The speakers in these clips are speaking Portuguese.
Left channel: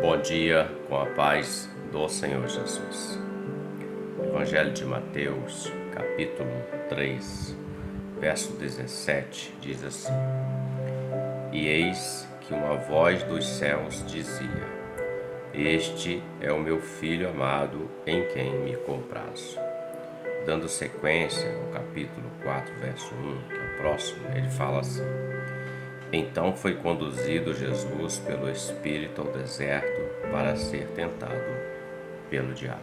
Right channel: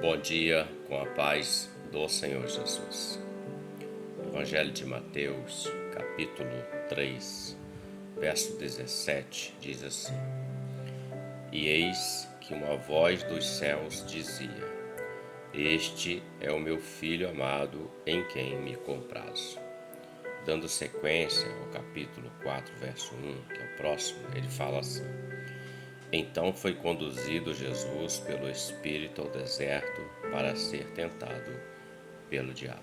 Bom dia, com a paz do Senhor Jesus. Evangelho de Mateus, capítulo 3, verso 17, diz assim: E eis que uma voz dos céus dizia: Este é o meu Filho amado, em quem me comprazo. Dando sequência, o capítulo 4, verso 1, que é o próximo, ele fala assim: Então foi conduzido Jesus pelo Espírito ao deserto para ser tentado pelo diabo.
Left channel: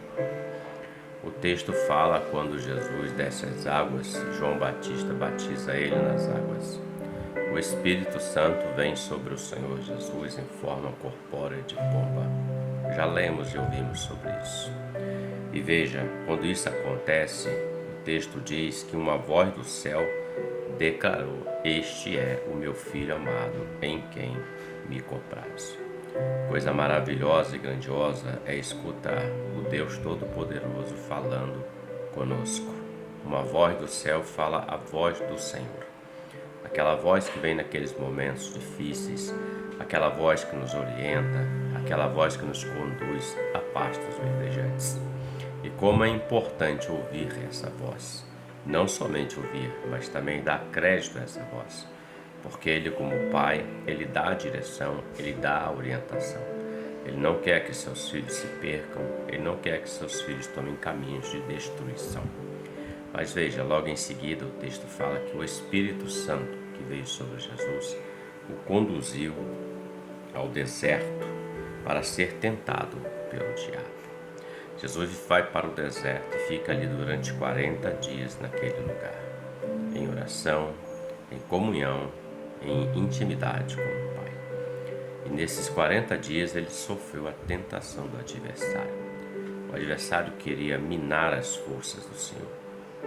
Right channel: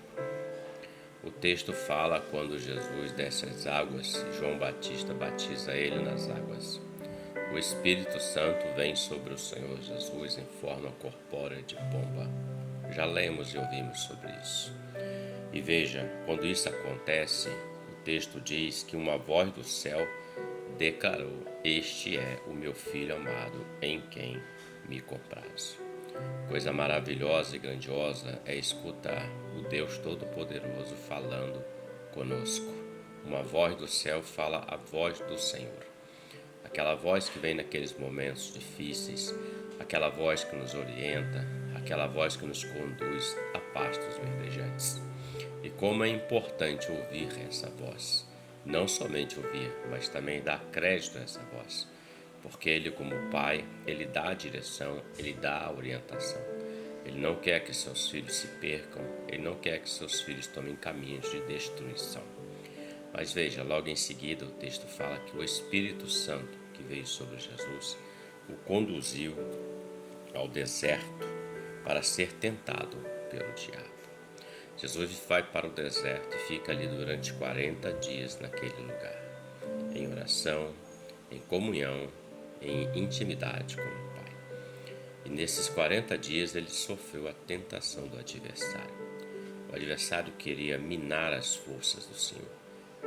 O texto fala quando Jesus desce às águas, João Batista batiza ele nas águas. O Espírito Santo vem sobre o Senhor Jesus em forma corpórea de pomba. Já lemos e ouvimos sobre isso. E veja, quando isso acontece, o texto diz que uma voz do céu declarou: Este é o meu Filho amado, em quem me comprazo. Coisa maravilhosa e grandiosa é escutar o Deus Todo-Poderoso falando conosco. Uma voz do céu fala a voz do Senhor. Aquela voz que vem naqueles momentos difíceis, aquela voz que nos orienta, aquela voz que nos conduz a pastos verdejantes. E como é importante ouvir essa voz. Não somente ouvir, mas também dar crédito a essa voz. Porque Ele, como Pai, Ele dá a direção, Ele dá a orientação. Ele não quer que seus filhos se percam, Ele não quer que seus filhos tomem caminhos de destruição. Mas veja, logo em seguida o texto fala que o Espírito Santo que veio sobre Jesus o conduziu ao deserto para ser tentado pelo diabo. Jesus vai para o deserto e fica ali durante 40 dias naquele lugar, em oração, em comunhão, em intimidade com o Pai. E nesses 40 dias ele sofreu a tentação do adversário. O adversário queria minar as forças do Senhor,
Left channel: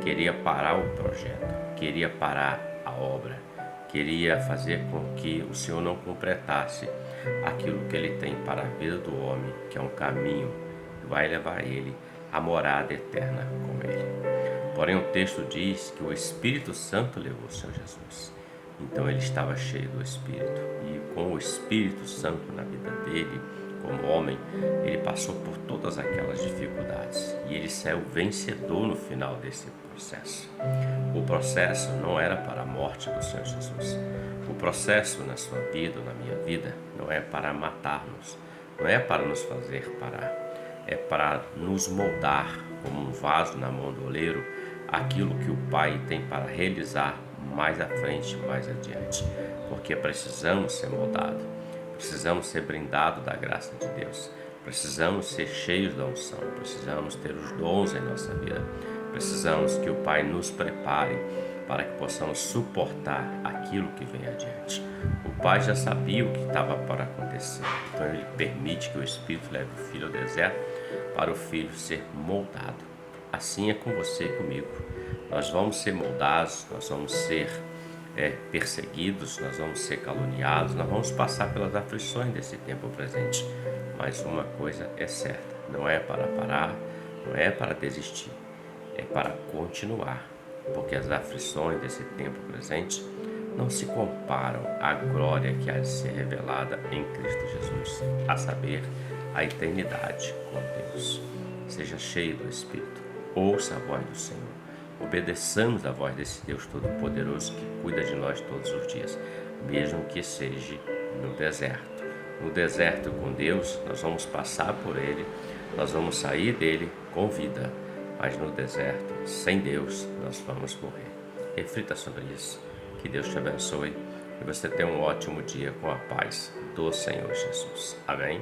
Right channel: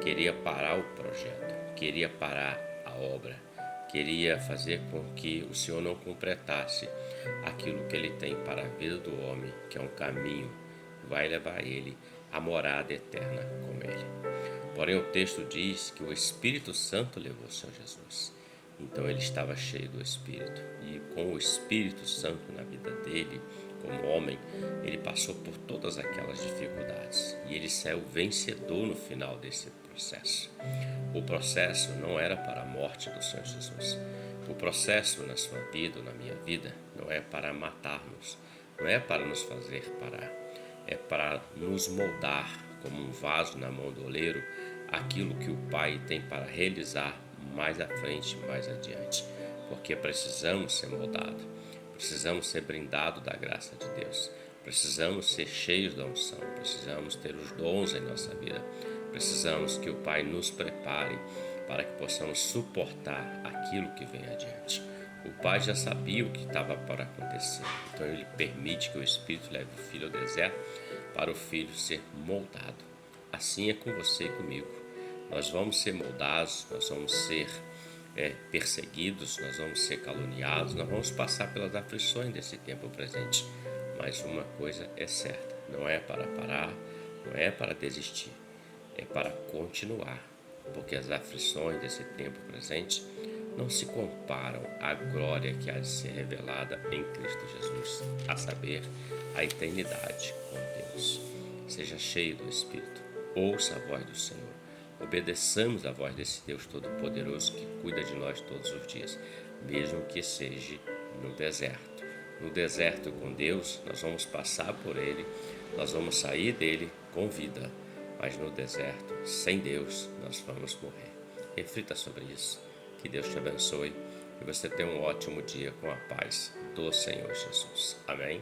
queria parar o projeto, queria parar a obra, queria fazer com que o Senhor não completasse aquilo que Ele tem para a vida do homem, que é um caminho que vai levar ele à morada eterna com Ele. Porém, o texto diz que o Espírito Santo levou o Senhor Jesus. Então ele estava cheio do Espírito. E com o Espírito Santo na vida dele, como homem, ele passou por todas aquelas dificuldades. E ele saiu vencedor no final desse processo. O processo não era para a morte do Senhor Jesus. O processo na sua vida, na minha vida, não é para matar-nos. Não é para nos fazer parar. É para nos moldar como um vaso na mão do oleiro aquilo que o Pai tem para realizar mais à frente, mais adiante. Porque precisamos ser moldados, precisamos ser brindados da graça de Deus, precisamos ser cheios da unção, precisamos ter os dons em nossa vida, precisamos que o Pai nos prepare para que possamos suportar aquilo que vem adiante. O Pai já sabia o que estava para acontecer, então Ele permite que o Espírito leve o Filho ao deserto para o Filho ser moldado. Assim é com você e comigo. Nós vamos ser moldados, nós vamos ser perseguidos, nós vamos ser caluniados, nós vamos passar pelas aflições desse tempo presente. Mas uma coisa é certa, não é para parar, não é para desistir, é para continuar. Porque as aflições desse tempo presente não se comparam à glória que há de ser revelada em Cristo Jesus, a saber, a eternidade com Deus. Seja cheio do Espírito, ouça a voz do Senhor, obedeçamos a voz desse Deus Todo-Poderoso que cuida de nós todos os dias, mesmo que seja no deserto. No deserto com Deus, nós vamos passar por Ele, nós vamos sair dele com vida, mas no deserto, sem Deus, nós vamos morrer. Reflita sobre isso, que Deus te abençoe e você tenha um ótimo dia com a paz do Senhor Jesus. Amém?